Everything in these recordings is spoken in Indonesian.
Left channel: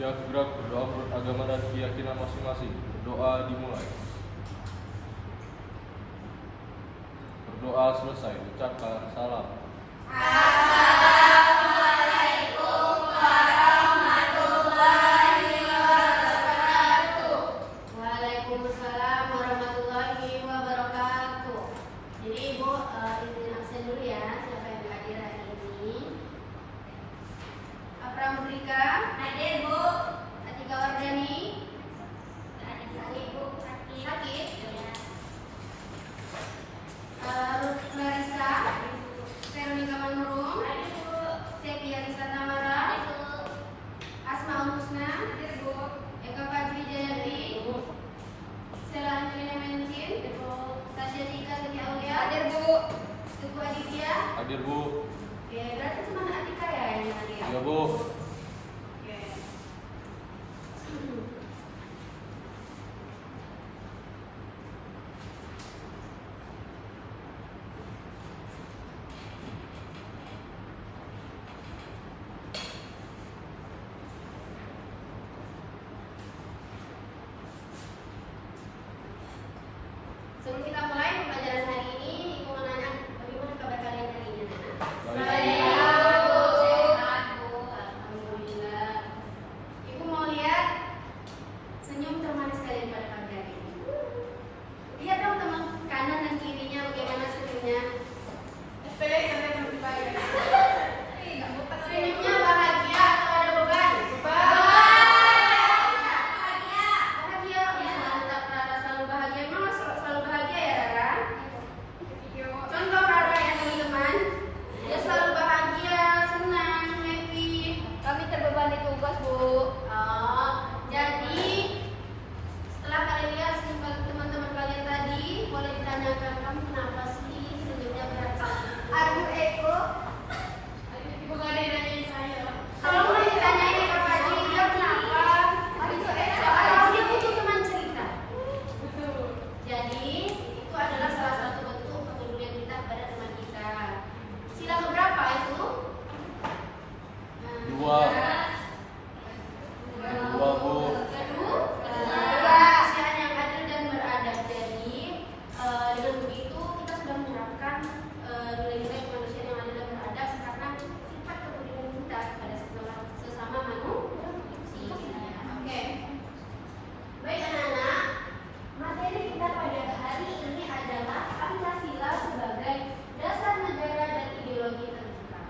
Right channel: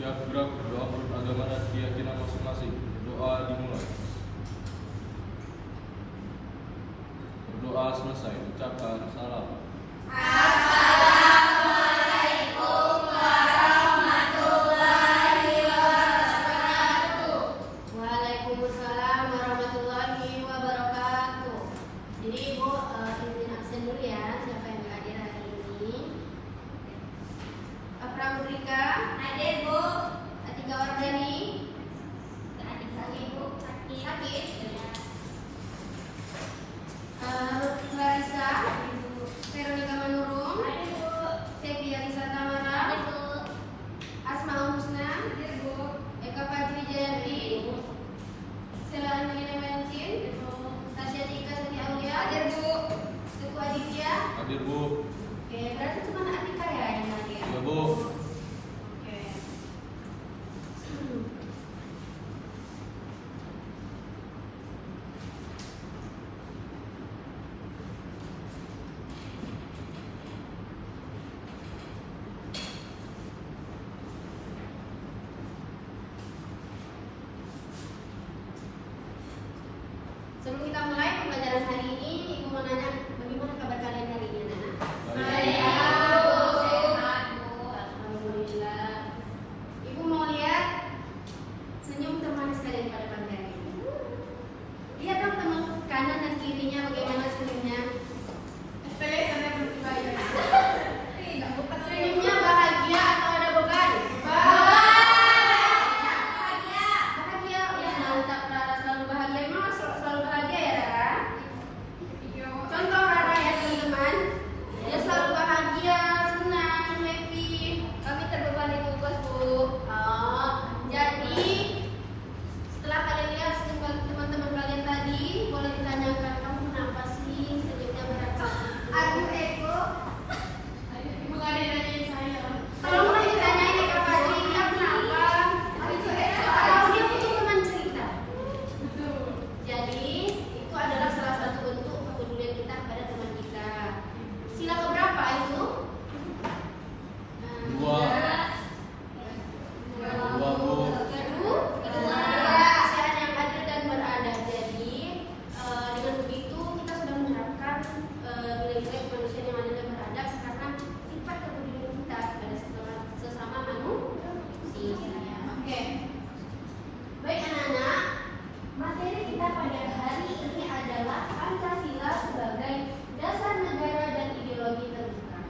Siap gerak, doa menurut agama dan keyakinan masing-masing. Doa dimulai. Berdoa selesai, ucapkan salam. Assalamualaikum warahmatullahi wabarakatuh. Waalaikumsalam warahmatullahi wabarakatuh. Jadi Ibu izin absen dulu ya, siapa yang hadir hari ini? Pramudrika, Hadir Bu. Atika Wardani, Ibu sakit. Larissa, Veronica Manurung, Sepia Lisa Tamara, Asmaul Husna, Eka Fajri Jayanti, Sela Angelina Mencin, Tasya Cika Siti Aulia, Teguh Aditya. Hadir Bu. Oke, berarti cuma Atika ya yang hadir. Ya Bu. Oke. Sebelum kita mulai pembelajaran hari ini, Ibu mau nanya bagaimana kabar kalian hari ini, Nana? Alhamdulillah. Ibu mau lihat senyum termanis kalian pada pagi hari ini. Lihat dong teman kanan dan kirinya bagaimana senyumnya. Senyumnya bahagia atau ada beban? Bahagia. Ya mantap Rara, selalu bahagia. Memang selalu bahagia ya Rara? Contoh Rara ya teman-teman. Dia selalu bahagia, senang, happy. Kami terbebani tugas Bu. Oh, jadi setelah kalian lihat teman-teman kalian tadi, boleh ditanyakan kamu kenapa sih senyumnya berat sekali? Aduh Eko. Ibu nggak ada yang nanyain saya. Kalau mau ditanyain Eka Fajri, dia kenapa? Siapa tahu dia butuh teman cerita. Jadi itu adalah salah satu bentuk kepedulian kita kepada teman kita. Sila keberapa itu? Dua. Dua Bu. Kedua, kasihan yang adil dan beradab. Jadi dengan begitu kita sudah menerapkan nilai-nilai kemanusiaan yang adil dan beradab karena sifat kepedulian kita kepada sesama manusia. Oke. Baik anak-anak, materi kita pada hari ini adalah Pancasila sebagai dasar negara dan ideologi terbuka.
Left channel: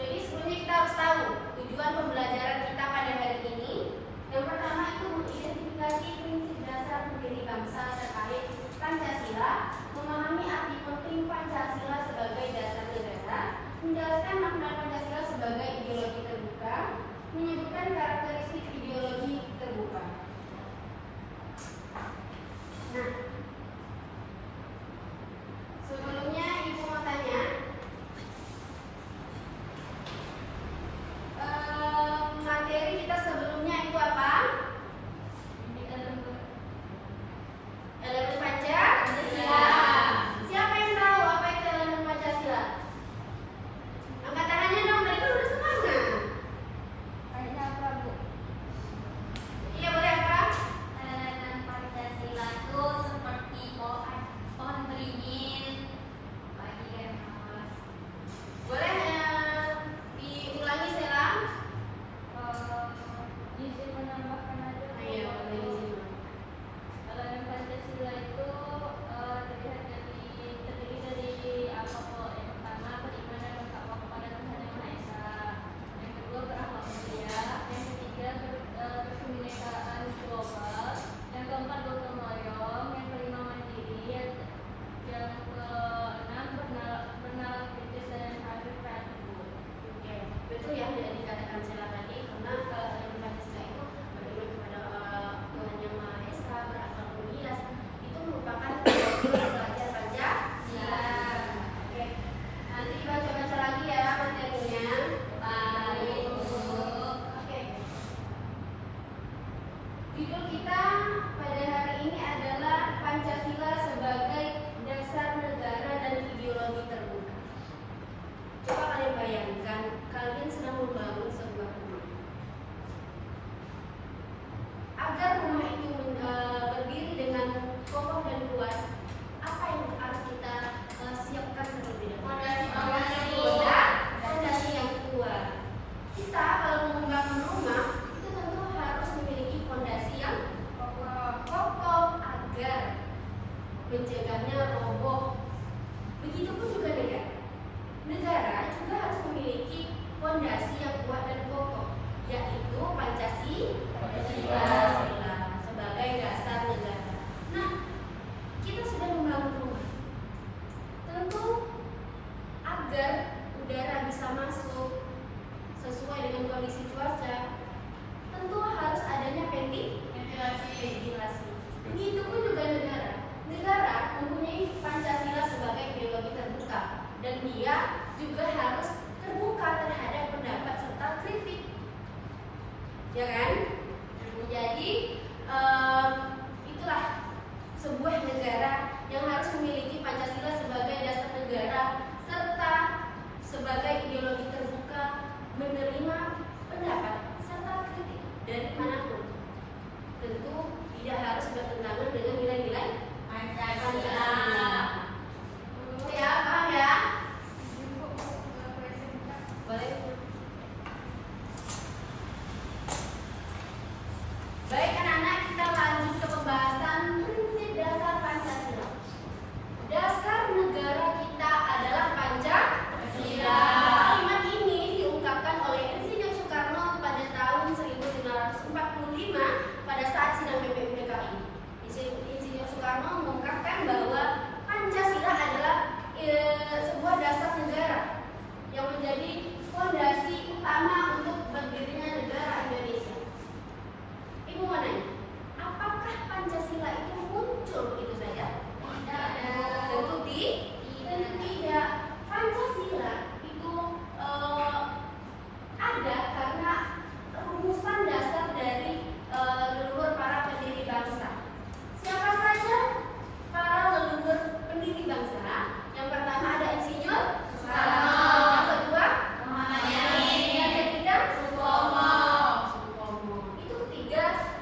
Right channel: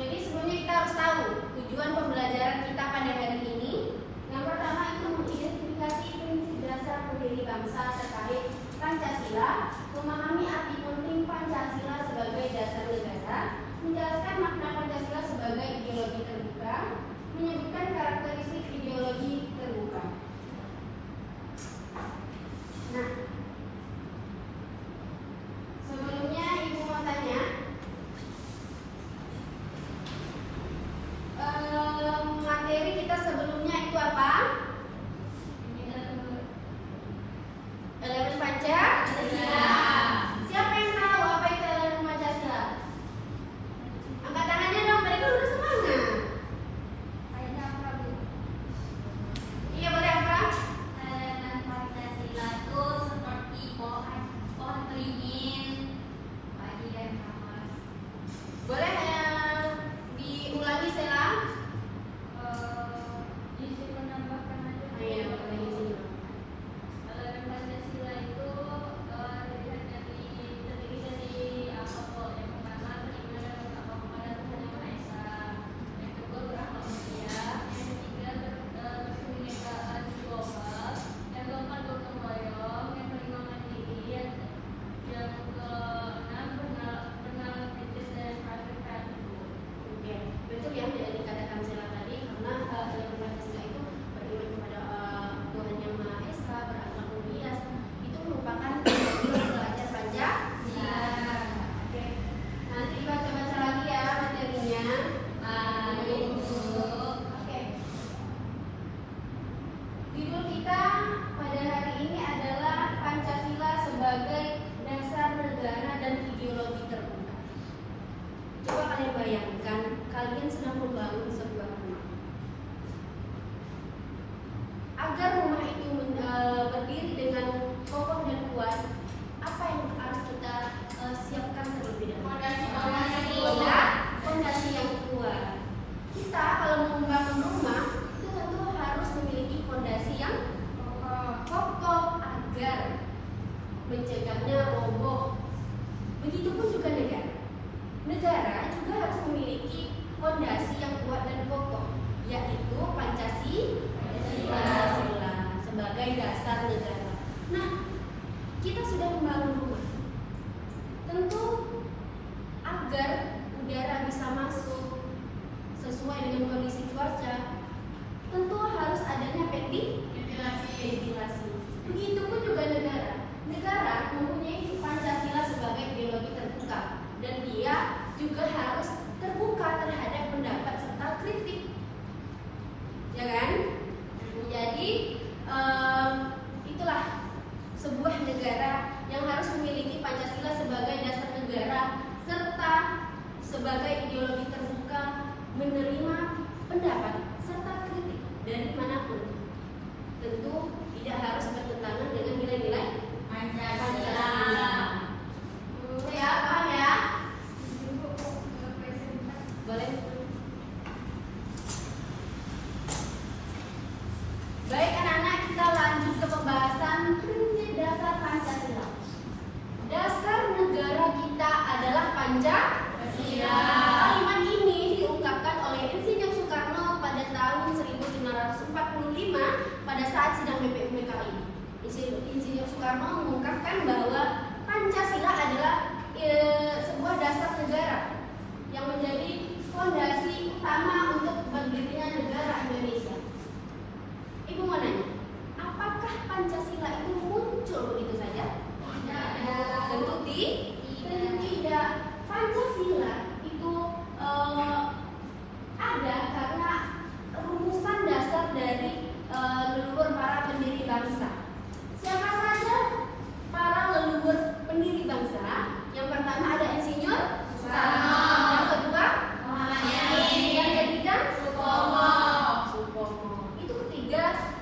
Jadi sebelumnya kita harus tahu tujuan pembelajaran kita pada hari ini. Yang pertama itu mengidentifikasi prinsip dasar pendiri bangsa terkait Pancasila, memahami arti penting Pancasila sebagai dasar negara, menjelaskan makna Pancasila sebagai ideologi terbuka, menyebutkan karakteristik ideologi terbuka. Nah, sebelumnya Ibu mau tanya, materi kita sebelumnya itu apa? Elemen Pancasila. Siapa yang tahu apa itu elemen Pancasila? Angkat tangannya dong, mereka udah semangat. Iya boleh apa? Elemen Pancasila itu bisa masuk sesuai dengan kondisi cuaca, tentu harus adanya ventilasi. Begitupun juga negara. Negara mempunyai Pancasila sebagai ideologi terbuka dan dia juga harus terbuka terhadap pendapat serta kritik, ya kan? Jadi itulah sebuah negara yang harus memiliki Pancasila sebagai dasar negara serta sebagai ideologi terbuka, menerima pendapat serta kritik dari manapun. Tentu tidak harus bertentangan dengan nilai-nilai Pancasila. Ya, paham ya? Boleh. Baik anak-anak, kita lanjut ke pembahasan prinsip dasar Pancasila. Dasar negara kita adalah Pancasila. Kalimat ini diungkapkan oleh Insinyur Soekarno pada tahun 1945 pada saat sidang BPUPKI. Insinyur Soekarno mengungkapkan bahwa Pancasila adalah sebuah dasar negara yang menjadi fondasi utama untuk berdirinya negara Indonesia. Ibu mau nanya, apakah Pancasila itu muncul begitu saja? Tentu tidak. Pancasila itu ada karena rumusan dasar dari leluhur para pendiri bangsa. Siapa saja para leluhur pendiri bangsa? Yang pertama ada Insinyur Soekarno, yang kedua Muhammad Yamin, yang ketiga Supomo. Itu ketiga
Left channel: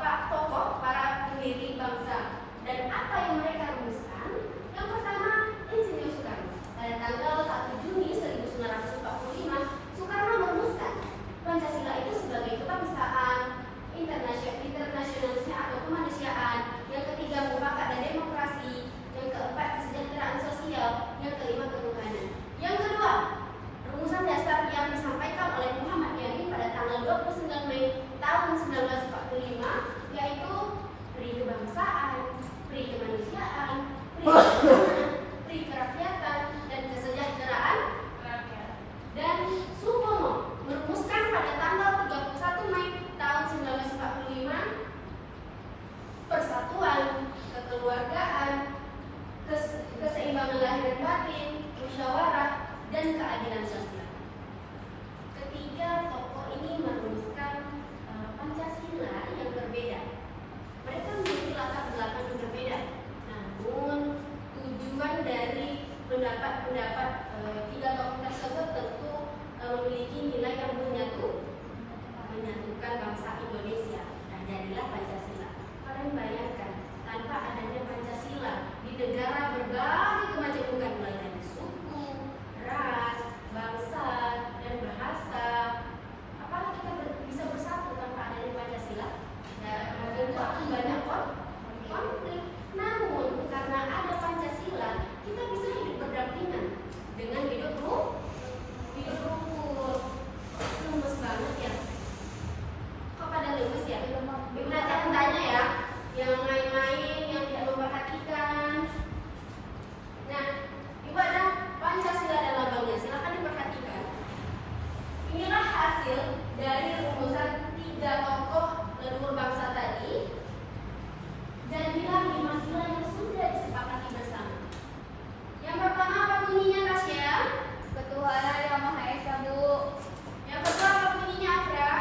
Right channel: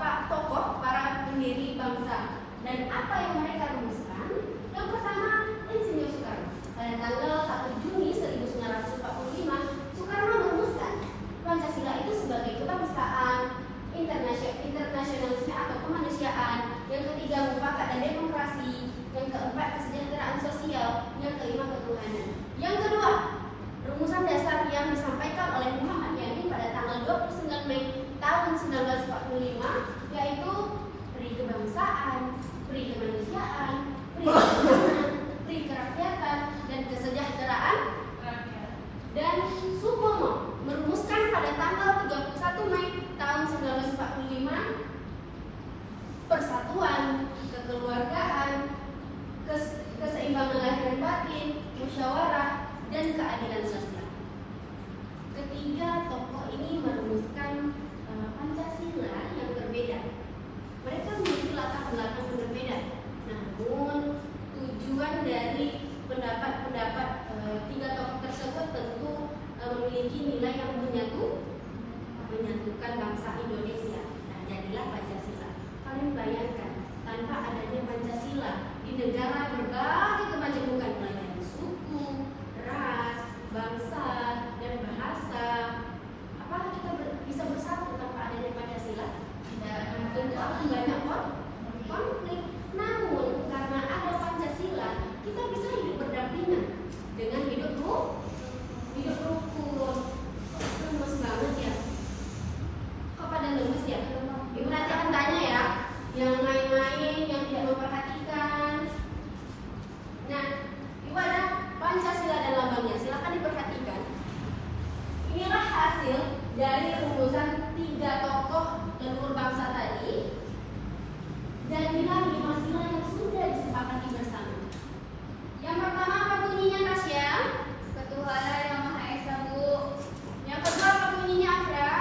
pak tokoh para pendiri bangsa. Dan apa yang mereka rumuskan? Yang pertama Insinyur Soekarno. Pada tanggal 1 Juni 1945, Soekarno merumuskan Pancasila itu sebagai kebangsaan, internasionalisme atau kemanusiaan. Yang ketiga mufakat dan demokrasi. Yang keempat kesejahteraan sosial. Yang kelima ketuhanan. Yang kedua, rumusan dasar yang disampaikan oleh Muhammad Yamin pada tanggal 29 Mei tahun 1945, yaitu pri kebangsaan, pri kemanusiaan, pri ketuhanan, pri kerakyatan, dan kesejahteraan rakyat. Dan Supomo merumuskan pada tanggal 31 Mei tahun 1945 persatuan, kekeluargaan, keseimbangan lahir dan batin, musyawarah, dan keadilan sosial. Ketiga tokoh ini merumuskan Pancasila yang berbeda. Mereka memiliki latar belakang yang berbeda. Namun tujuan dari pendapat-pendapat tiga tokoh tersebut tentu memiliki nilai yang menyatukan bangsa Indonesia. Nah, jadilah Pancasila. Kalian bayangkan, tanpa adanya Pancasila di negara berbagai kemajemukan mulai dari suku, ras, bangsa, dan bahasa, apakah kita bisa bersatu tanpa adanya Pancasila? Tentu akan banyak konflik. Namun karena ada Pancasila, kita bisa hidup berdampingan dengan hidup rukun. Lemes banget ya. Kok pada lemes ya? Ibu nanti akan tanya ya, yang main-main, yang tidak memperhatikan. Nah, ibu ada Pancasila dan lambangnya, silakan diperhatikan. Inilah hasil dari rumusan tiga tokoh leluhur bangsa tadi dan nilai-nilai yang sudah disepakati bersama. Yang pertama apa bunyinya, Tasya? Ketuhanan yang Maha Esa, Bu. Yang kedua apa bunyinya, Afra?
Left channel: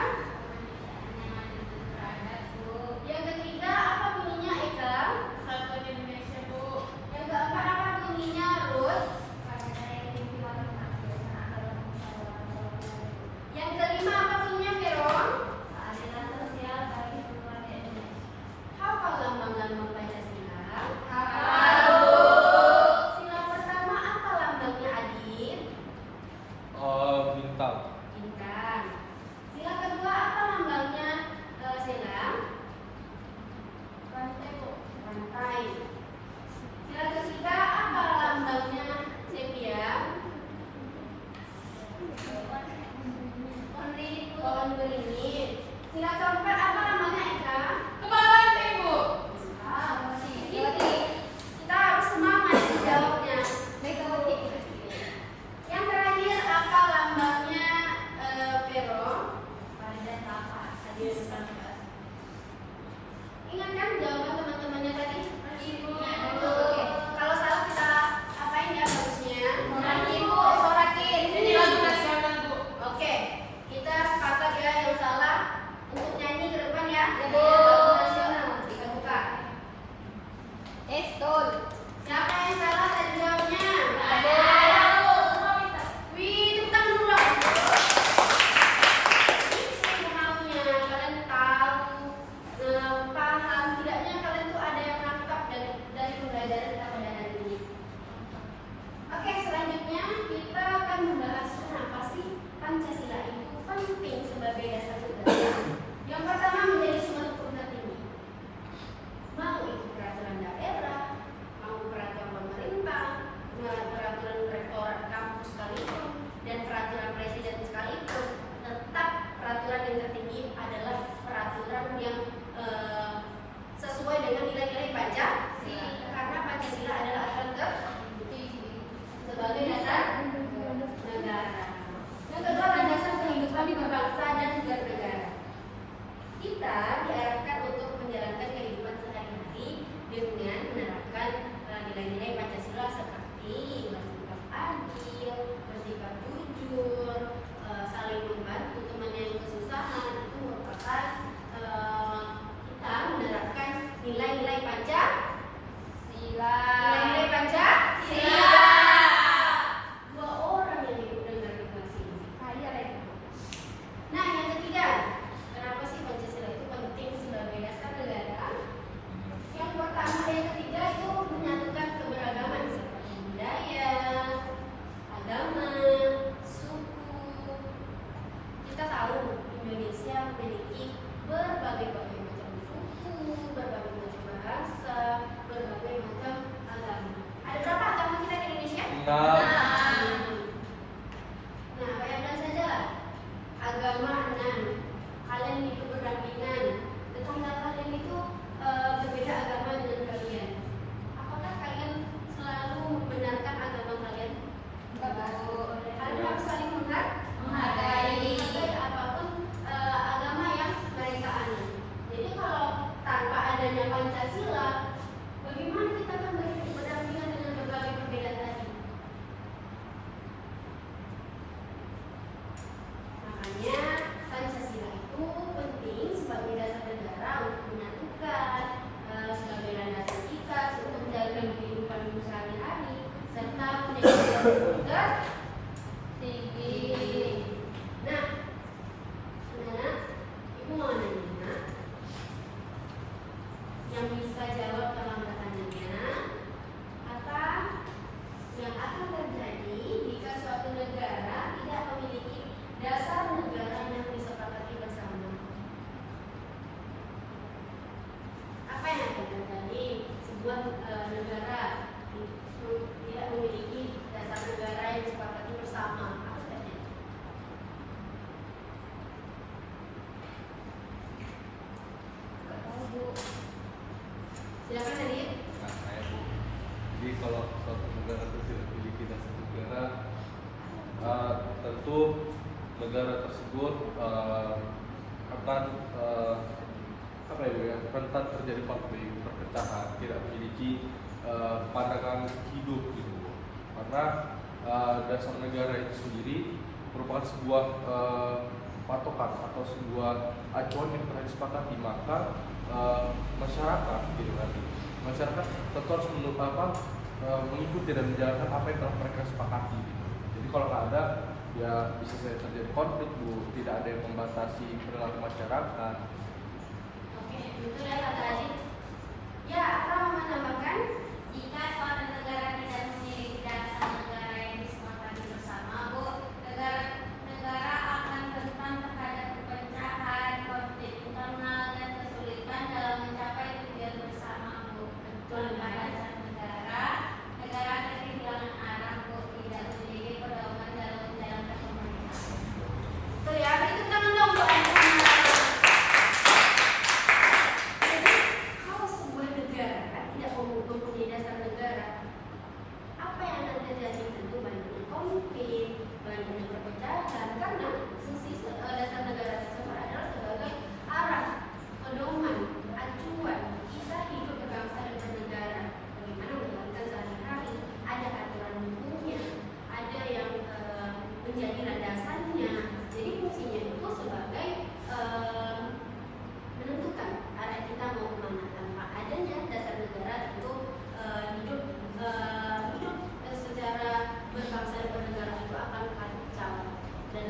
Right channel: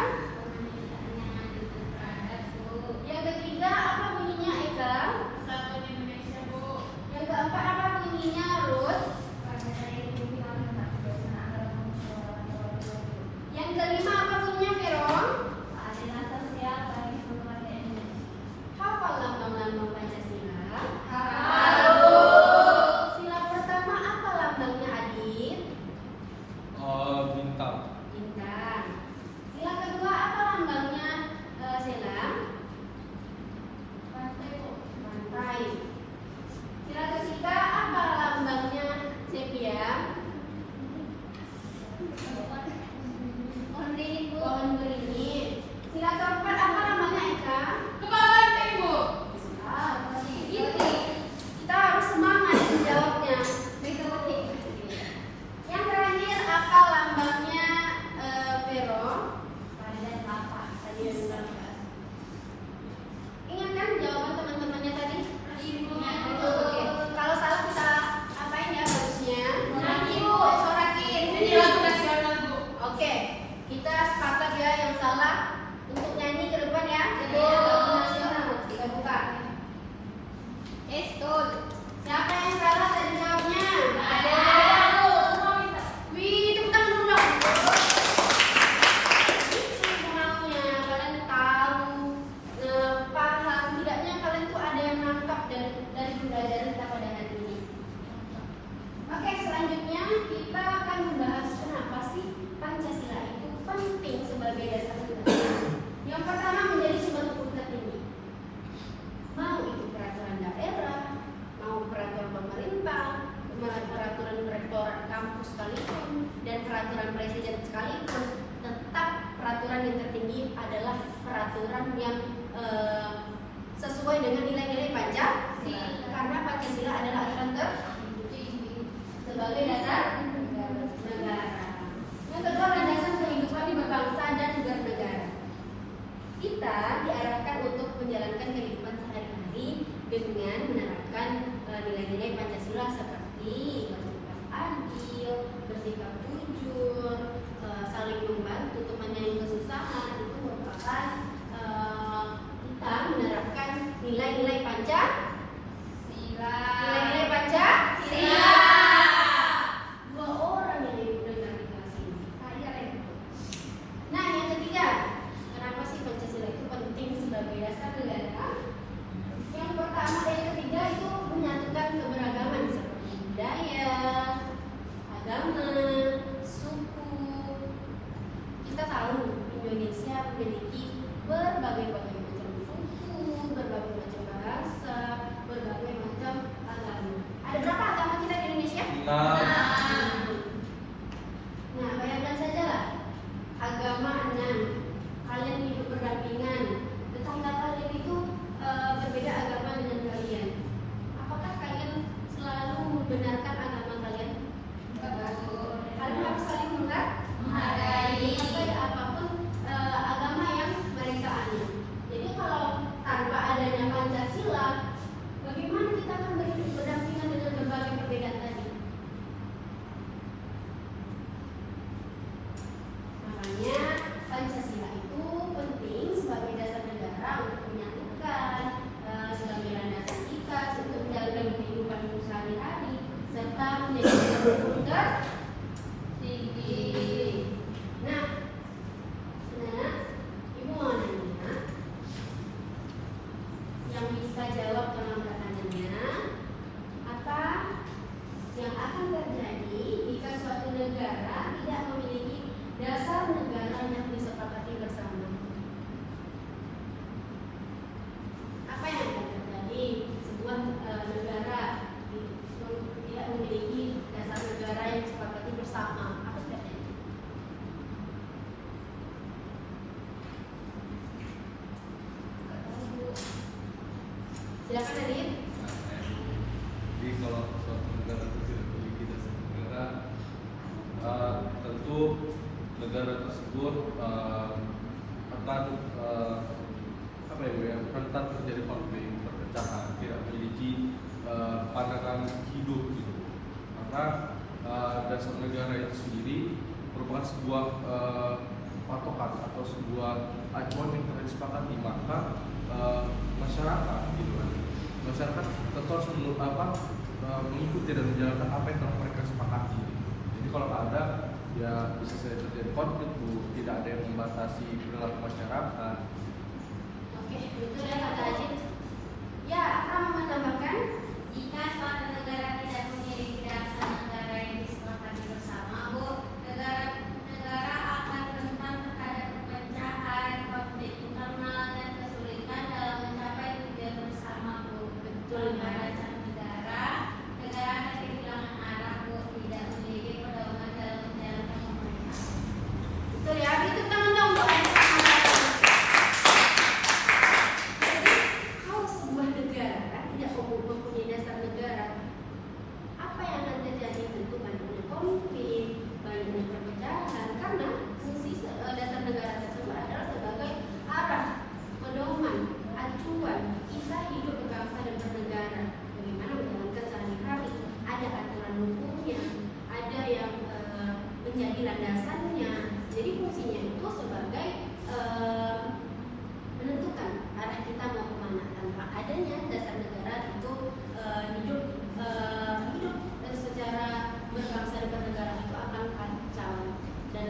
Yang ketiga apa bunyinya, Eka? Persatuan Indonesia, Bu. Yang keempat apa bunyinya, Ruth? Yang kelima apa bunyinya, Vero? Keadilan sosial bagi semua Indonesia. Hafal lambang-lambang Pancasila? Sila pertama apa lambangnya, Adit? Bintang. Bintang. Sila kedua apa lambangnya, Sela? Rantai. Sila ketiga apa lambangnya, membahas kenapa sih Pancasila itu penting sebagai dasar negara. Yang pertama, menjadi suatu perhatian. Mau itu peraturan daerah, mau peraturan pemerintah, peraturan rektorat kampus sekalipun, dan peraturan presiden sekalipun, tetap peraturan yang tertinggi adalah peraturan yang sesuai dengan nilai-nilai Pancasila. Karena Pancasila adalah aturan tertinggi sebagai dasar negara. Yang kedua, landasan kehidupan di berbangsa dan bernegara. Kita diarahkan untuk menjalankan kehidupan sehari-hari dengan menerapkan nilai-nilai Pancasila seperti bersikap adil, bersikap jujur, saling membantu teman yang kesusahan. Itu merupakan kita menerapkan nilai-nilai Pancasila. Nilai-nilai Pancasila. Dua orang yang hidup negara kita sini. Nah, yang ketiga, kenapa sih Pancasila itu penting sebagai dasar negara? Yang pertama, yang ketiga itu menyatukan keberagaman seperti budaya, agama, suku. Kita tahu Indonesia memiliki berbagai macam suku, berbagai macam bahasa, berbagai macam agama. Ada berapa agama kita di Indonesia? Nah, bayangkan saja lah, agama 6, kalian hidup berdampingan, tetangga kalian itu berbeda agama dengan kalian. Apakah kalian selalu membenarkan agama kalian? Kalian harus saling menghargai apapun agama yang mereka anut. Jadi kalau tanpa adanya Pancasila, bagaimana kita akan berhidup berdampingan dengan berbagai perbedaan tadi? Makanya Pancasila itu penting sebagai dasar negara untuk menyatukan sebagai landasan kita untuk menjalankan kehidupan sehari-hari serta menjadi tertinggi. Nah, ibu mau nanya, yang bisa jawab tolong bertanya, apa yang akan terjadi jika suatu negara tidak memiliki dasar negara yang disepakati bersama? Apa yang akan terjadi sebuah negara tidak memiliki dasar negara yang disepakati bersama? Apa sebabnya? Silakan Adit. Jadi kalau suatu negara itu tidak memiliki dasar negara, tentu negara tersebut akan rentan terjadi konflik, perpecahan, tidak memiliki pandangan hidup gitu. Karena dasar negara itu sendiri merupakan sebuah patokan atau sebuah acuan yang telah disepakati, maka masyarakat gitu kan, masyarakat tentu harus mengikuti dan menjalankan apa yang telah mereka sepakati. Jadi kalau nggak ada, ya bisa saja terjadi konflik, tidak ada yang membatasi perilaku masyarakat. Oke, betul ya kata Ajit. Ya, apa mau menambahkan? Jika suatu negara tidak memiliki dasar negara yang disepakati bersama, Bu, negara akan rentan terhadap perpecahan, konflik internal, dan kesulitan dalam mencapai tujuan bersama, Bu. Betul. Tanpa dasar negara akan kehilangan arah, Bu, tidak memiliki pedoman dalam menjalankan pemerintahan. Betul ya, beri tepuk tangan dong untuk Ajit. Kalau sebuah negara tidak mempunyai dasar negara, apa yang akan terjadi? Tentu banyaknya konflik, banyaknya perpecahan, karena fungsi dasar negara tersebut adalah sebagai arah, pedoman, acuan kita hidup berbangsa dan bernegara. Bagaimana menjalankan sehari-hari, ada aturan hukumnya, ada yang menjadi landasannya. Jadi fungsinya itu sebagai menentukan arah kita mau kemana. Tanpa adanya dasar negara tentu hidup secara berbangsa dan bernegara itu akan kacau dan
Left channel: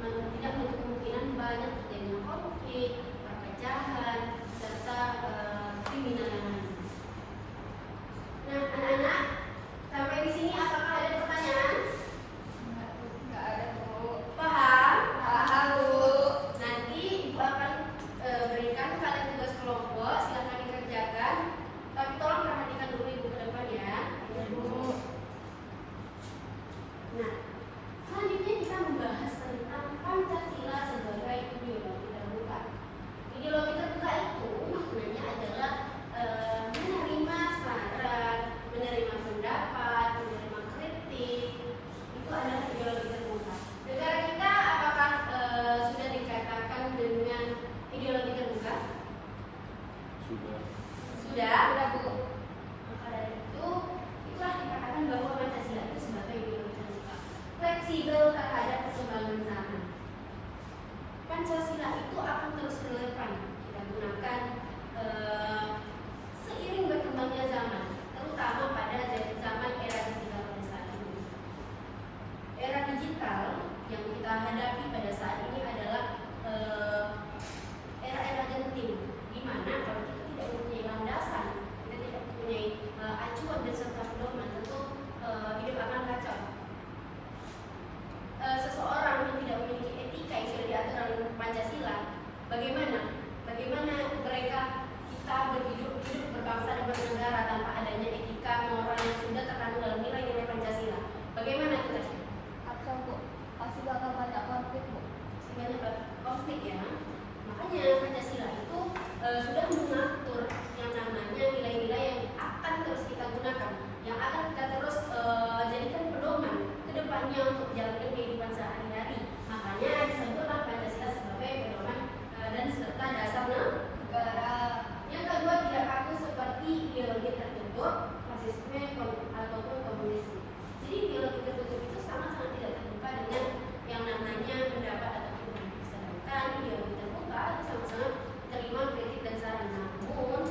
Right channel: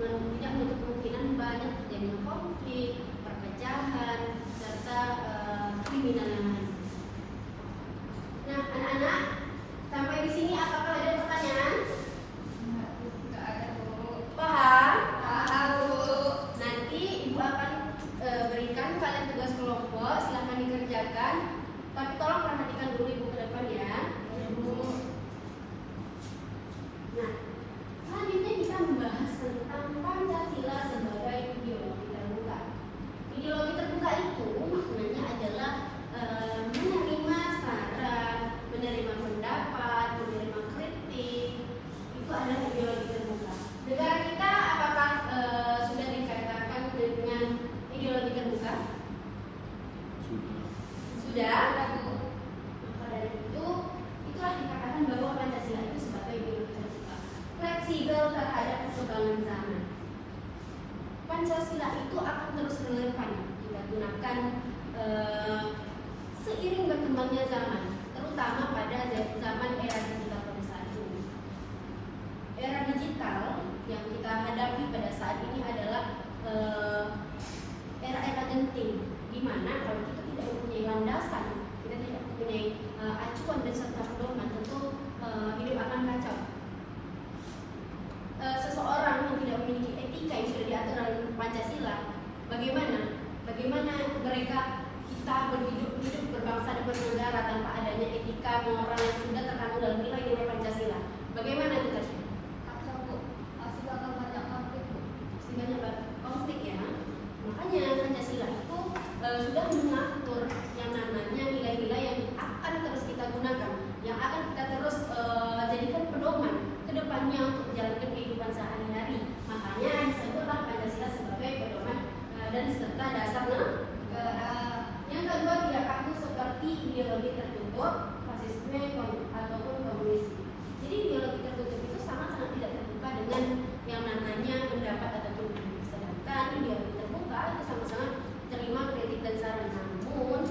tidak menutup kemungkinan banyak terjadinya konflik, perpecahan, serta kriminal yang lain. Nah, anak-anak, sampai di sini apakah ada pertanyaan? terhadap perkembangan zaman. Pancasila itu akan terus relevan kita gunakan seiring berkembangnya zaman, terutama pada zaman era digital pada saat ini. Era digital yang kita hadapi pada saat ini adalah era genting, di mana kalau kita tidak mempunyai landasan, kita tidak mempunyai acuan dan serta pedoman, tentu hidup akan kacau. Seseorang yang tidak memiliki etika yang sudah diatur dalam Pancasila, bagaimana mereka kita berhidup berbangsa dan bernegara tanpa adanya etika moral yang sudah terkandung dalam nilai-nilai Pancasila? Bagaimana kita? Atau Bu, pasti bakal banyak konflik Bu. Pasti banyak konflik ya. Makanya Pancasila itu sudah mengatur yang namanya nilai-nilai yang akan terus kita gunakan, yang akan kita terus jadikan pedoman ke depannya untuk menjalankan kehidupan sehari-hari. Makanya disebutlah Pancasila sebagai pedoman dan serta dasar negara. Yang kedua, tidak kaku seperti ideologi tertutup, fasisme ataupun komunisme. Jadi ideologi tertutup itu sangat-sangat tidak terbuka dengan yang namanya pendapat ataupun kritik. Sedangkan ideologi terbuka itu sama-sama terima kritik dan saran. Namun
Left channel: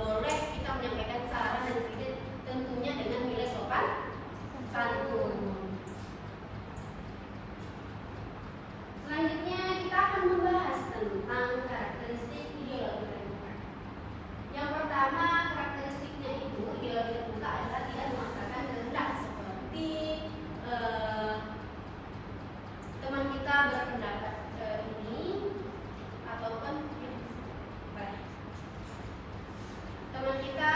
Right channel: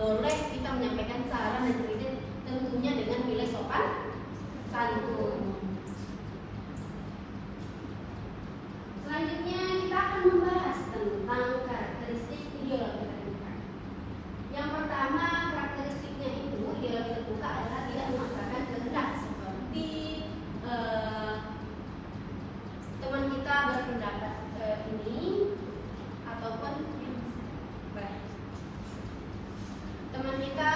boleh kita menyampaikan saran dan kritik tentunya dengan nilai sopan santun. Selanjutnya kita akan membahas tentang karakteristik ideologi terbuka. Yang pertama, karakteristiknya itu ideologi terbuka adalah tidak memaksakan kehendak seperti teman kita berpendapat ini ataupun teman kita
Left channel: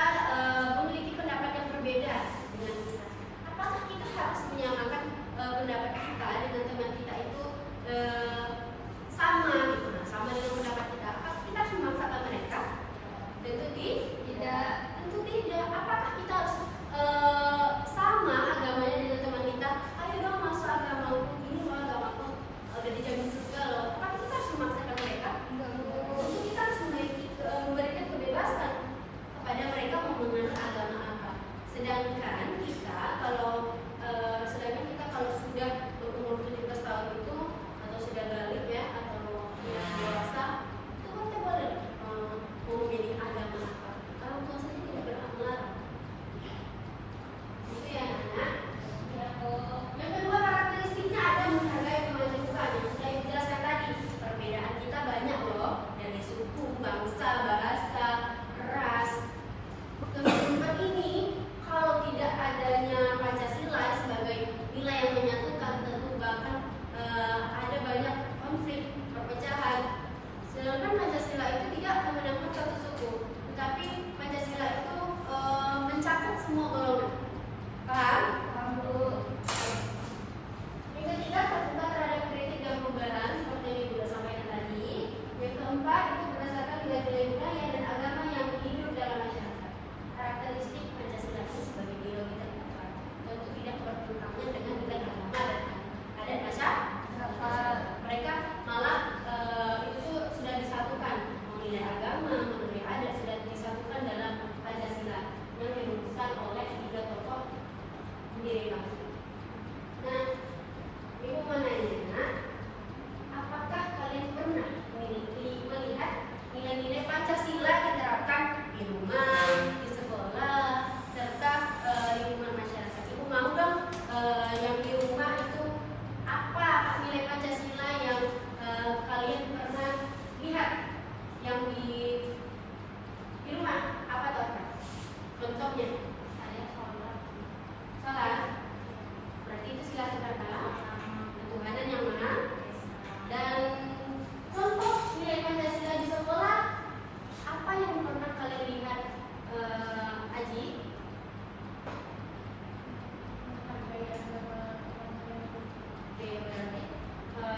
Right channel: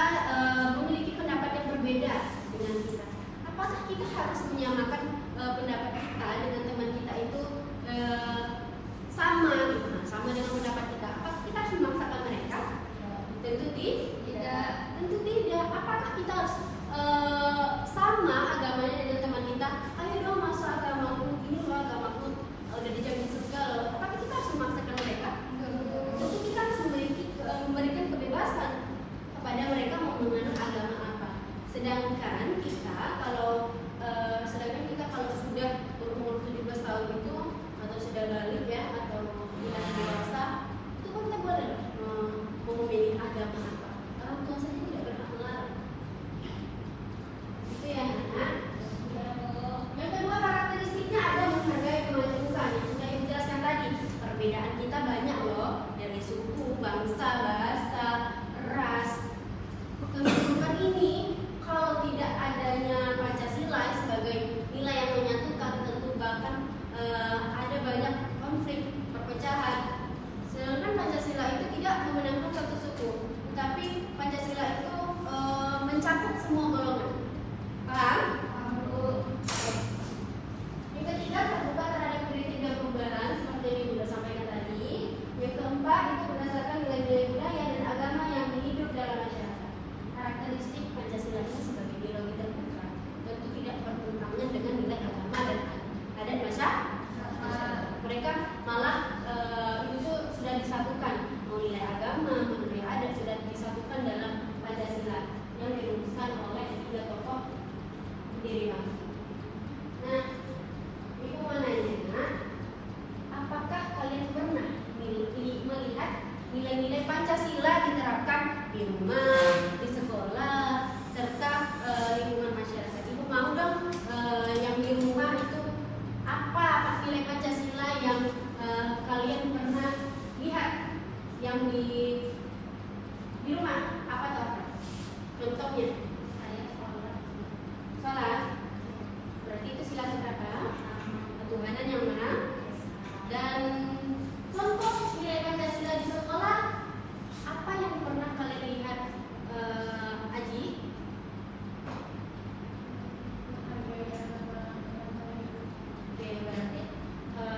memiliki pendapat yang berbeda dengan kita. Apakah kita harus menyamakan pendapat kita dengan teman kita itu sama dengan pendapat kita? Apakah kita harus memaksakan mereka? Tentu tidak. Tentu tidak. Apakah kita harus sama agamanya dengan teman kita? Ayo dong masuk agama ini loh, agamaku udah dijamin surga loh. Apakah kita harus memaksakan mereka? Tentu kita harus memberikan kebebasan kepada mereka mau menganut agama apa. Sedangkan kita kalau sudah berumur 17 tahun itu atau sudah balik ya atau sudah dewasa, itu kita boleh mau memilih agama apa. Orang tua saja tidak berhak melarang. Gitu ya. Nah, yang kedua karakteristiknya ada menghargai kebenekaan. Yang saya jelaskan tadi, perbedaan kita banyak loh, dari suku, bangsa, bahasa, ras. Kehidupan ini kalau tidak adanya Pancasila sebagai nilai yang menyatukan, tentu bahkan ada banyak konflik, perpecahan. Sedangkan Pancasila itu tidak memenangkan satu suku, tapi Pancasila itu mencakup semua golongan. Paham? Yang ketiga, terbuka terhadap kritik dan pembelaan seperti yang sudah sampaikan tadi. Yang keempat, itu berdasarkan nilai-nilai budaya dan agama yang hidup dalam masyarakat. Karakteristik Pancasila itu sebagai ideologi terbuka tentu tidak bertentangan dengan nilai agama dan adat masyarakat. Mereka malah itu sudah disatukan, nilai agama, nilai adat sudah disatukan dalam Pancasila yang dirumuskan oleh tiga tokoh pendiri bangsa. Nah, ibu mau nanya, apakah kalian pernah melihat nilai-nilai Pancasila diterapkan di rumah, di sekolah, serta lingkungan masyarakat? Ibu mau dong yang di rumah itu apa nilai Pancasila yang kalian pernah lihat yang di rumah? Apa tuh? Contohnya? Sholat. Berarti itu silahkan kata ketuhanan yang mana? Dan contoh nilai Pancasila di sekolah apa yang pernah kalian lihat? Aji?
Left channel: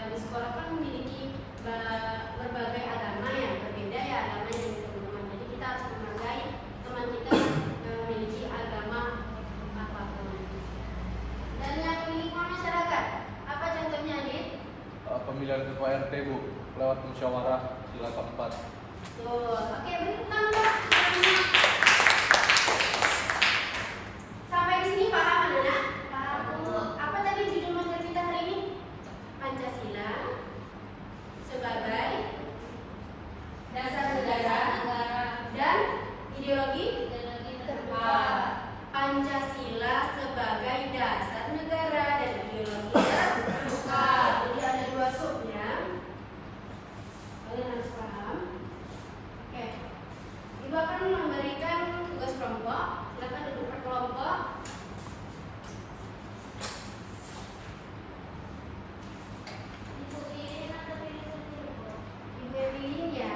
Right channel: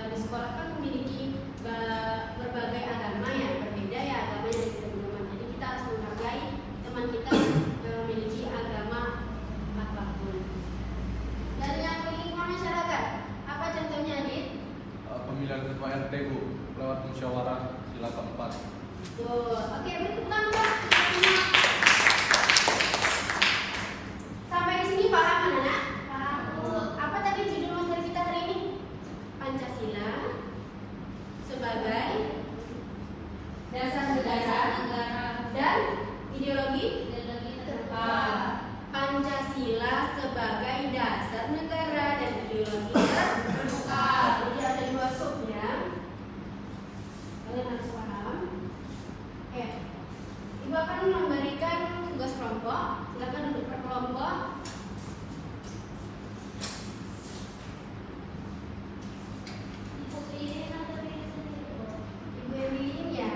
Di sekolah kan memiliki berbagai agama ya, berbeda ya agamanya dari teman-teman. Jadi kita harus menghargai teman kita memiliki agama apapun. Dan yang lingkungan masyarakat, apa contohnya, Adit? Pemilihan ketua RT Bu lewat musyawarah sila keempat. Tuh, oke, bertepuk tangan. Sampai di sini paham anak? Apa tadi judul materi kita hari ini? Pancasila sebagai dasar Negara negara dan ideologi terdepan. Pancasila sebagai dasar negara dan ideologi terdepan. Jadi ada dua sub ya. Kalian harus paham. Oke. Ibu akan memberikan tugas kelompok. Silakan duduk per kelompok. Ibu yang pilih ya.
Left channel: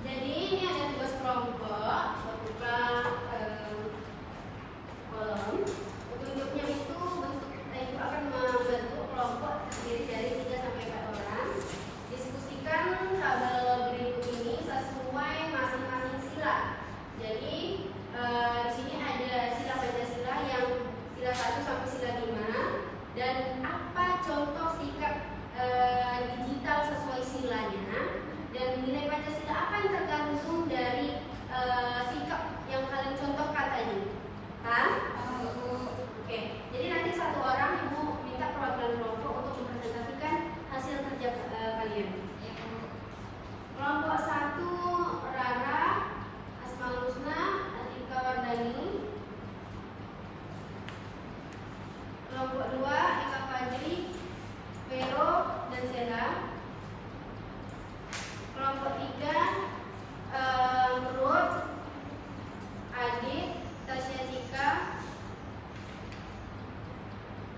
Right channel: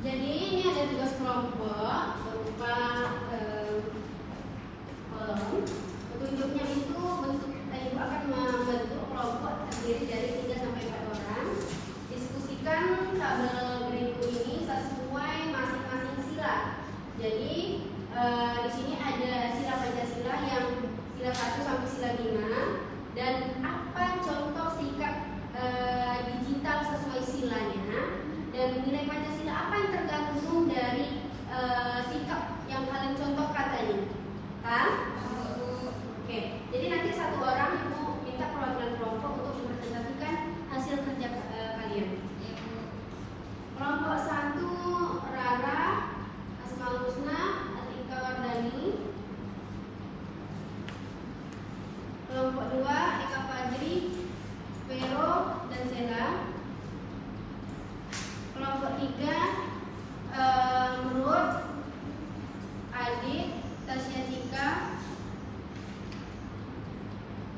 Jadi ini ada tugas kelompok berupa kolom. Petunjuknya itu ibu akan membentuk kelompok terdiri dari 3 sampai 4 orang. Diskusikan tabel berikut ini sesuai masing-masing sila. Jadi di sini ada sila Pancasila yang sila 1 sampai sila 5 dan apa contoh sikap digital sesuai silanya dan nilai Pancasila apa yang tergantung dari sikap yang kalian contoh katanya. Oke, jadi nanti satu orang ibu minta perwakilan kelompok untuk mempresentasikan hasil kerja kalian. Kelompok 1 Rara, Asmaul Husna, Atika Wardani. Kelompok 2 Eka Fajri, Vero dan Sela. Kelompok 3 Ruth, Adit, Tasya Tika,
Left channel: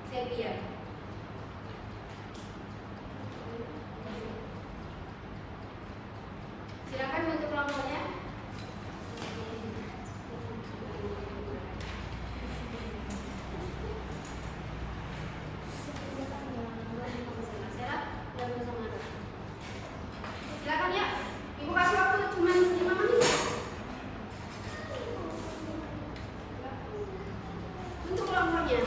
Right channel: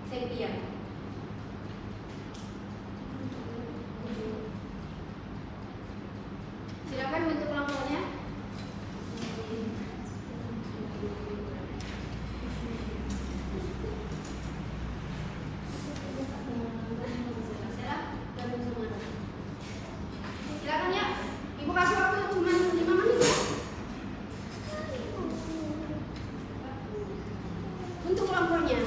Sepia. Silakan bentuk kelompoknya. Silakan ya. Ibu kasih waktu cuma 5 menit ya. Untuk kelompoknya.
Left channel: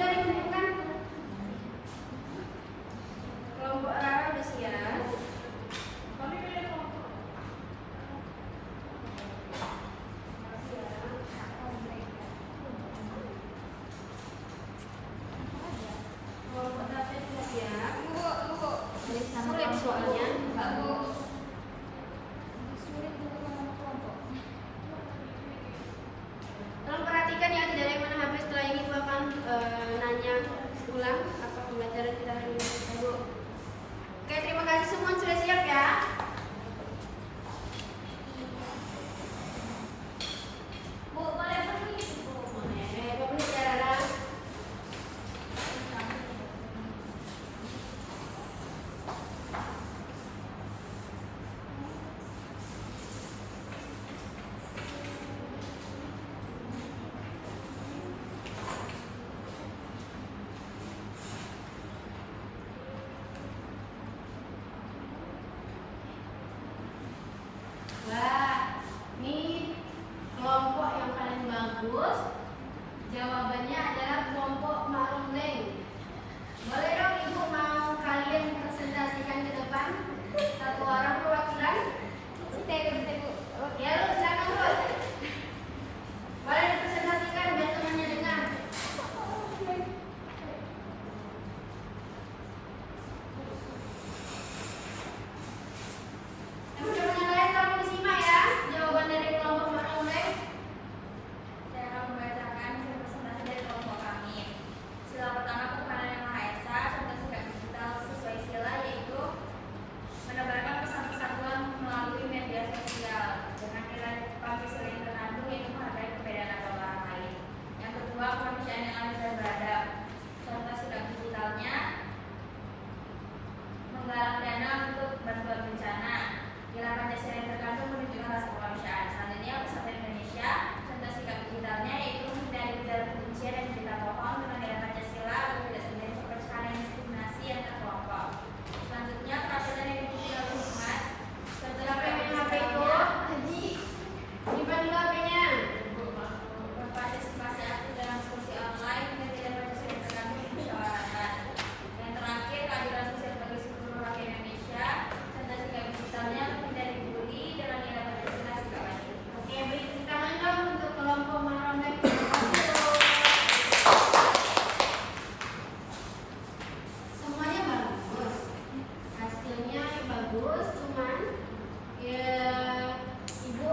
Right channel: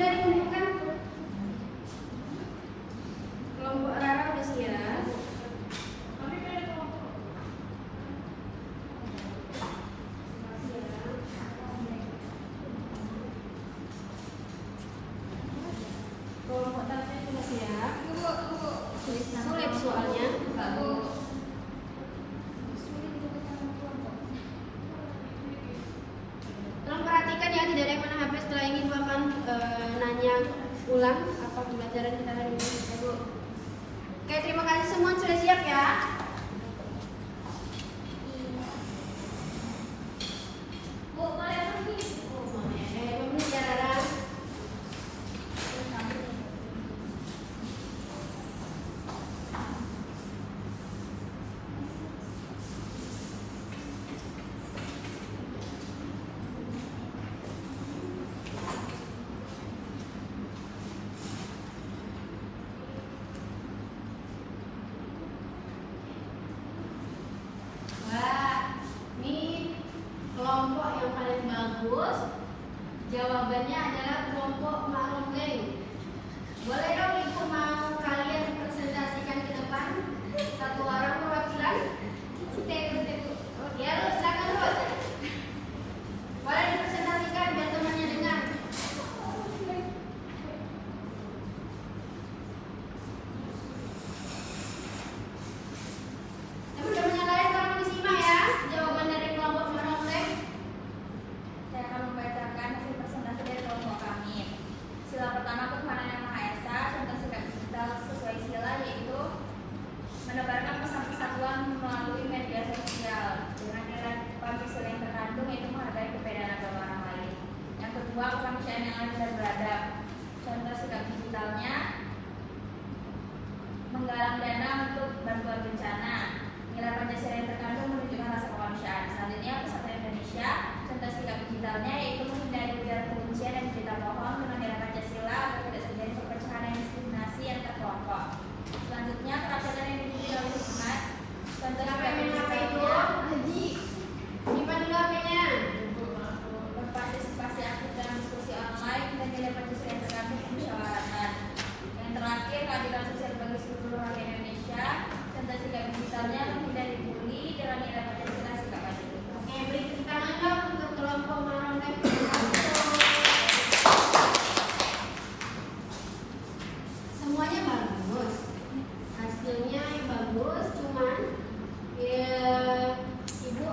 sudah ditentukan? Kelompok Rara udah siap. Kelompok Tata sudah siap. Sulit soalnya. Tolong perhatikan ya, tidak ada yang mana HP. Setelah ini gua akan nanya ulang apa pembelajaran kita hari ini, Bu. Oke, terima kasih semua sudah siap ya. Bu, boleh pergi. Permisi ya, Rara. Wah, ini kelompok yang paling bagus. Jawabannya adalah kelompok Ma'ruf Lane. Boleh dong Ibu mau kalian presentasikan ke depan? Satu orang perwakilan? Ya, lu silakan lu. Boleh dipresentasikan biar temannya dengar. Teman-teman yang lain tolong disimak ya jawaban dari kelompok Ma'ruf Lane. Saya akan membacakan presentasi dari kelompok kami. Sila pertama kepada Yang Maha Esa, contoh sikap digital sesuai istilah yaitu menebarkan pesan-pesan Tuhan melalui media sosial dengan nilai-nilai yang terkandung yaitu menghargai perbedaan antara orang lain. Yang kedua, kemanusiaan yang adil dan beradab. Contoh sikap digitalnya menggalang dana untuk bantuan bencana. Nilai Pancasila yang terkandung menunjukkan hal kemanusiaan. Selanjutnya, Pesantren Indonesia, contoh sikap digitalnya yaitu menghindari ujaran kebencian dan berita bohong dengan nilai Pancasila agar tidak terjadi perpecahan dan diskriminasi antar kelompok. Selanjutnya, peraturan yang digital lingkungan, contoh Siapa sikap yang apa itu? digitalnya Haji. Simpan dulu HP-nya. berpartisipasi aktif dalam diskusi online dan tidak Pancasila yang terkandung di musyawaratan. Yang terakhir, keadilan sosial bagi seluruh warga Indonesia, contoh sikap digitalnya menghindari bully dengan nilai Pancasila sikap adil. Oke, beri tepuk tangan dong untuk kelompok Ma'ruf Lane. Terima kasih. Semuanya bagus. Hasilnya bagus, cuman ya Ibu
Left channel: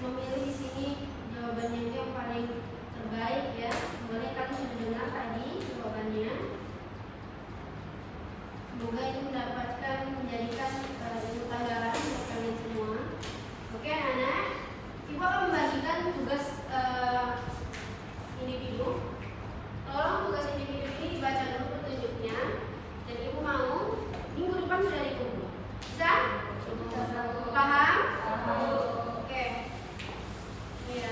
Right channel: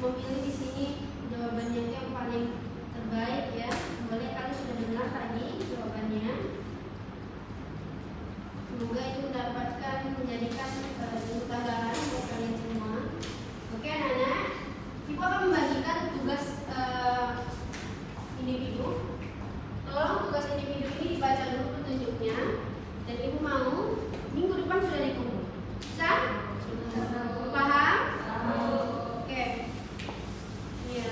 memilih di sini jawabannya itu yang paling terbaik ya. Boleh kalian sudah dengar tadi jawabannya. Semoga itu mendapatkan menjadikan ilmu tambahan buat kalian semua. Oke anak-anak, Ibu akan membagikan tugas individu. Tolong tugas individu ini dibaca dulu petunjuknya dan Ibu mau minggu depan sudah dikumpul. Bisa? Paham? Oke. Ya.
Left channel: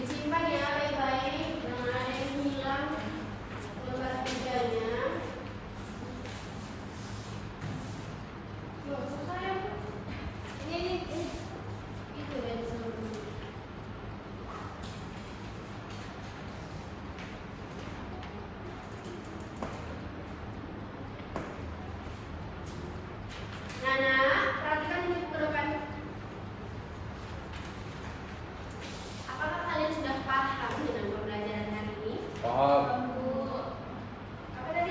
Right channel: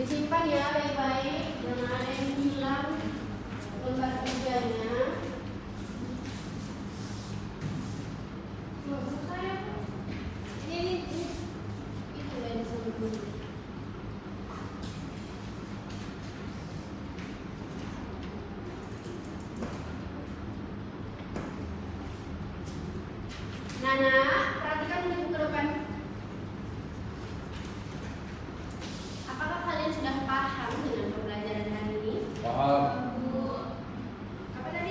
Disimpan ya baik-baik, jangan ada yang hilang lembar kerjanya. Loh, saya ini itu yang disebut dulu. Nana, perhatikan ini bukan. Apakah kalian sudah paham dengan pembelajaran hari ini? Paham. Apa tadi?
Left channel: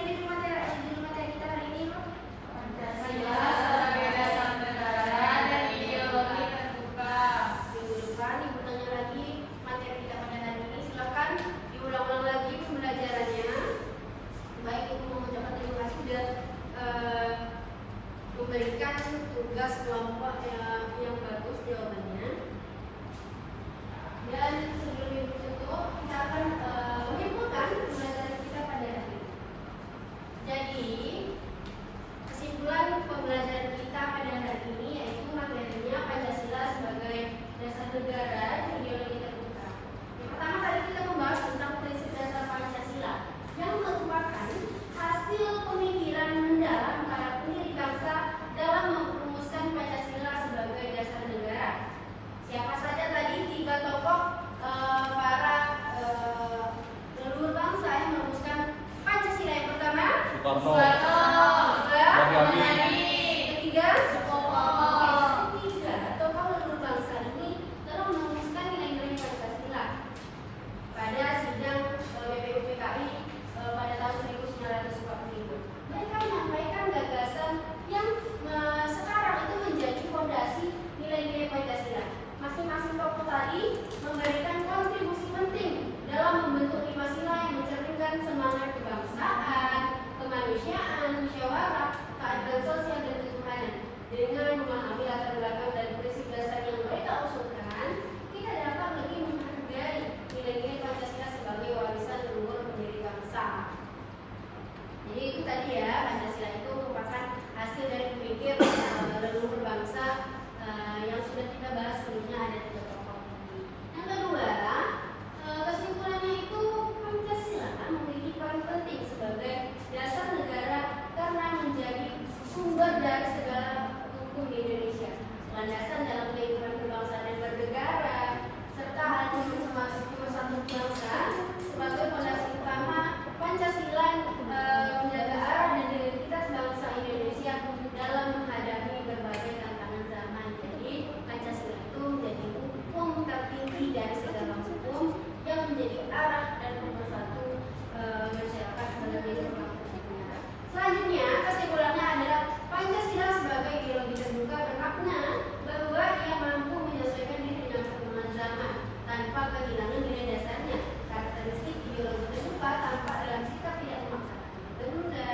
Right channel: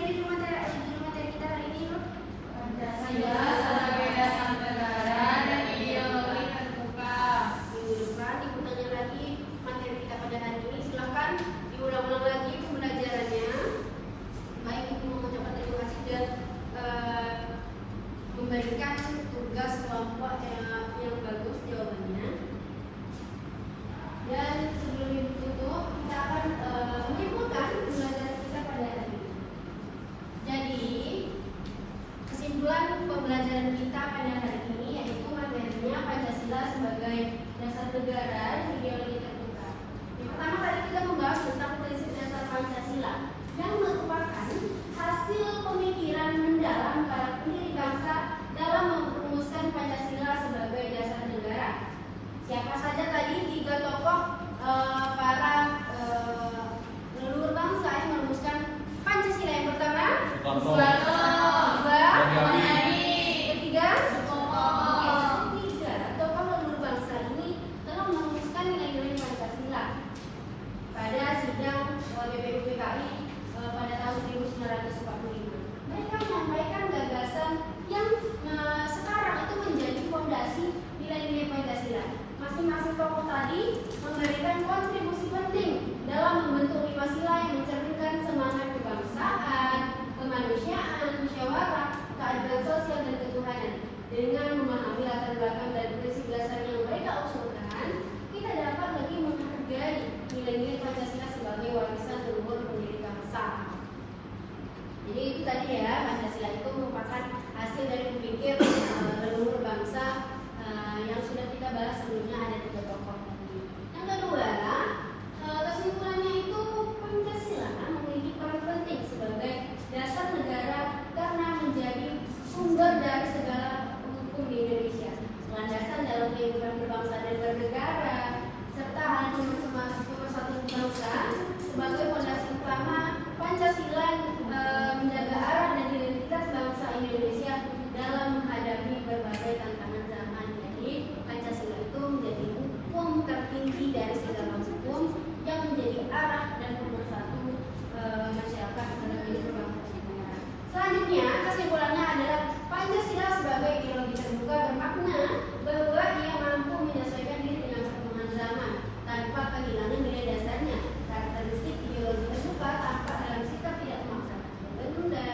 usulkan, kita dapat lebih menghargai nilai-nilai Pancasila sebagai warisan leluhur pendiri bangsa. Jadi itu tadi ya, Pancasila itu merupakan hasil dari berpikir leluhur bangsa yang sudah kita bahas sebelumnya, ada 3 pokok. Yang kedua, kesimpulannya itu Pancasila memiliki peran penting sebagai dasar negara karena menjadi sumber dari segala hukum di Indonesia, landasan dalam kehidupan berbangsa dan bernegara, serta adanya persatuan bangsa sebagai fondasi utama. Pancasila menjaga arah dan identitas bangsa Indonesia dalam menghadapi berbagai tantangan zaman. Jadi Pancasila itu menjadi hukum tertinggi dari segala hukum yang menjadi arah dan pemersatu masyarakat sebagai bangsa dan negara. Selanjutnya, kesimpulannya adalah Pancasila sebagai ideologi terbuka bermakna bahwa ia mampu menyesuaikan diri dengan perkembangan zaman tanpa kehilangan nilai dasarnya. Karakteristik ideologi terbuka tampak dalam sikap tidak memaksakan bertunda,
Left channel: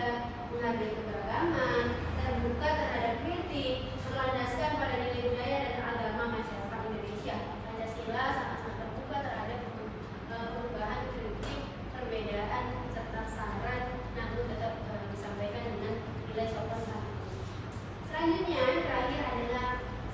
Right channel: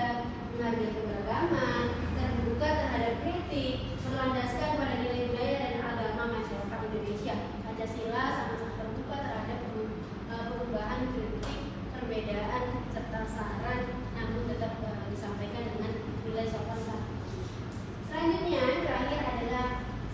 menghargai keberagaman, terbuka terhadap kritik, berlandaskan pada nilai budaya dan agama masyarakat Indonesia. Pancasila sangat-sangat terbuka terhadap perubahan, kritik, perbedaan, serta saran, namun tetap disampaikan dengan nilai sopan santun. Selanjutnya, terakhir adalah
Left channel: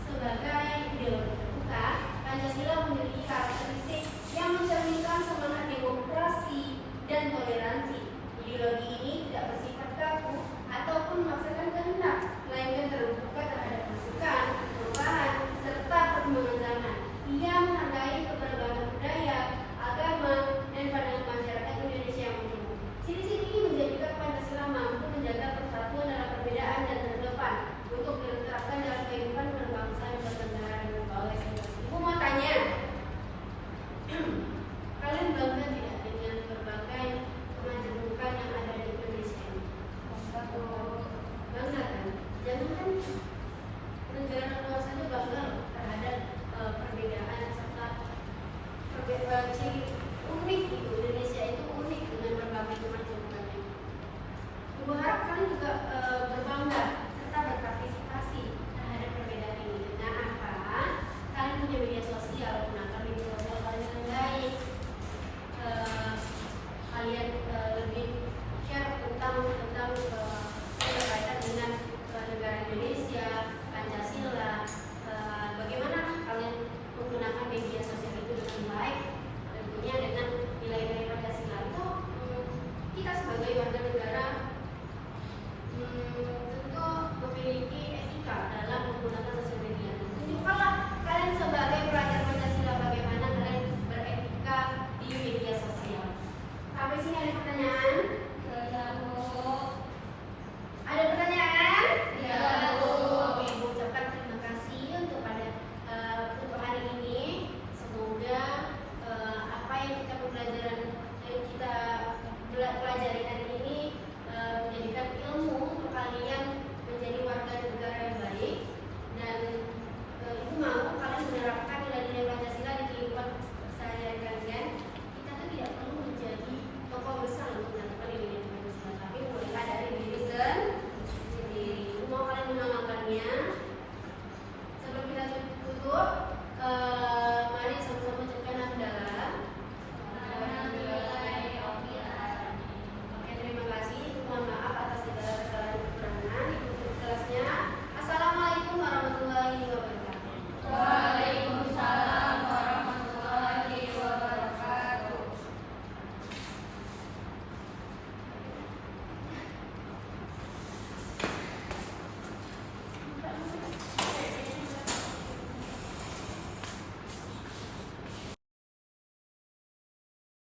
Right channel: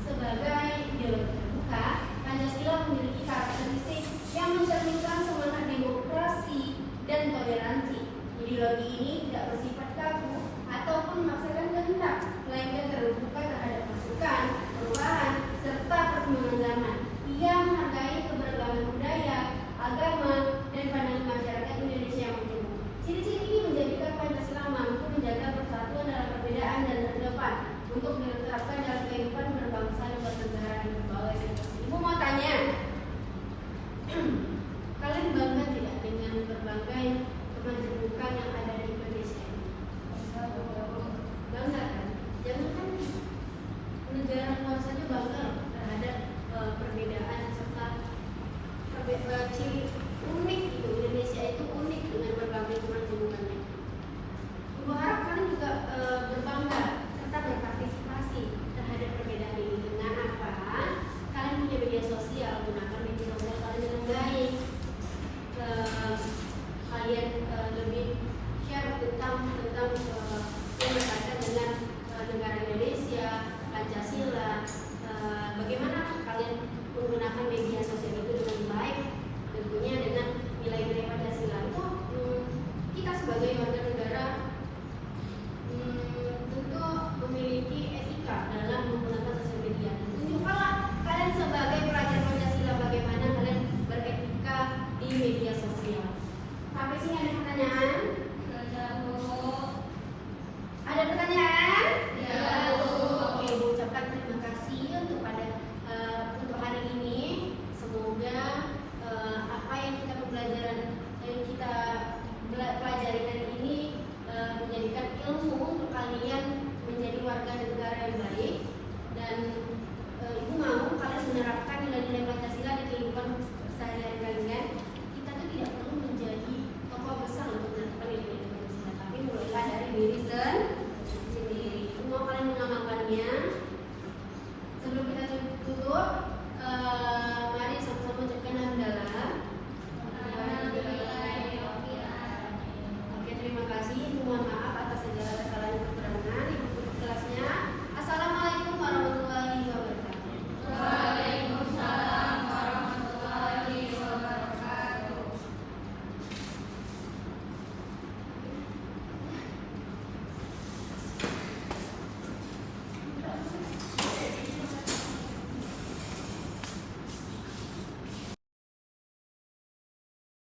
sebagai ideologi terbuka, Pancasila memiliki karakteristik yang mencerminkan semangat demokrasi dan toleransi. Ideologi ini tidak bersifat kaku ataupun memaksakan kehendak, melainkan terbuka terhadap masukan, perubahan, serta perkembangan zaman. Ia menghargai keberagaman budaya, agama, dan pandangan masyarakat Indonesia yang utuh. Ciri-ciri ini menjadikan Pancasila mampu menjaga persatuan dalam perbedaan dan terdepan untuk diterapkan dalam kehidupan berbangsa dan bernegara dan berbagai sektor. Ibu mau tanya, kalian bangga tidak dengan berbagai kemajemukan yang ada di Indonesia? Bangga kan? Jangan kan negara luar saja bangga loh terhadap perbedaan serta ciri unik itu. Indonesia itu unik dengan berbagai kemajemukannya. Ibu harap kalian juga berbangga serta berpartisipasi terhadap perbedaan ini. Dengan apa? Kalian punya media sosial, gunakan media sosial kalian dengan baik. Kalian lebih share tentang yang berkaitan dengan negara Indonesia, Pancasila. Bagaimana kalian menggunakan media sosial itu dengan baik, tentunya dengan nilai-nilai Pancasila itu. Kita sebagai warga negara tentu memiliki etika dalam menggunakan sosial media. Tunjukkanlah kalian sebagai pelajar Pancasila bagaimana kalian beretika di media sosial. Sampai sini ada pertanyaan?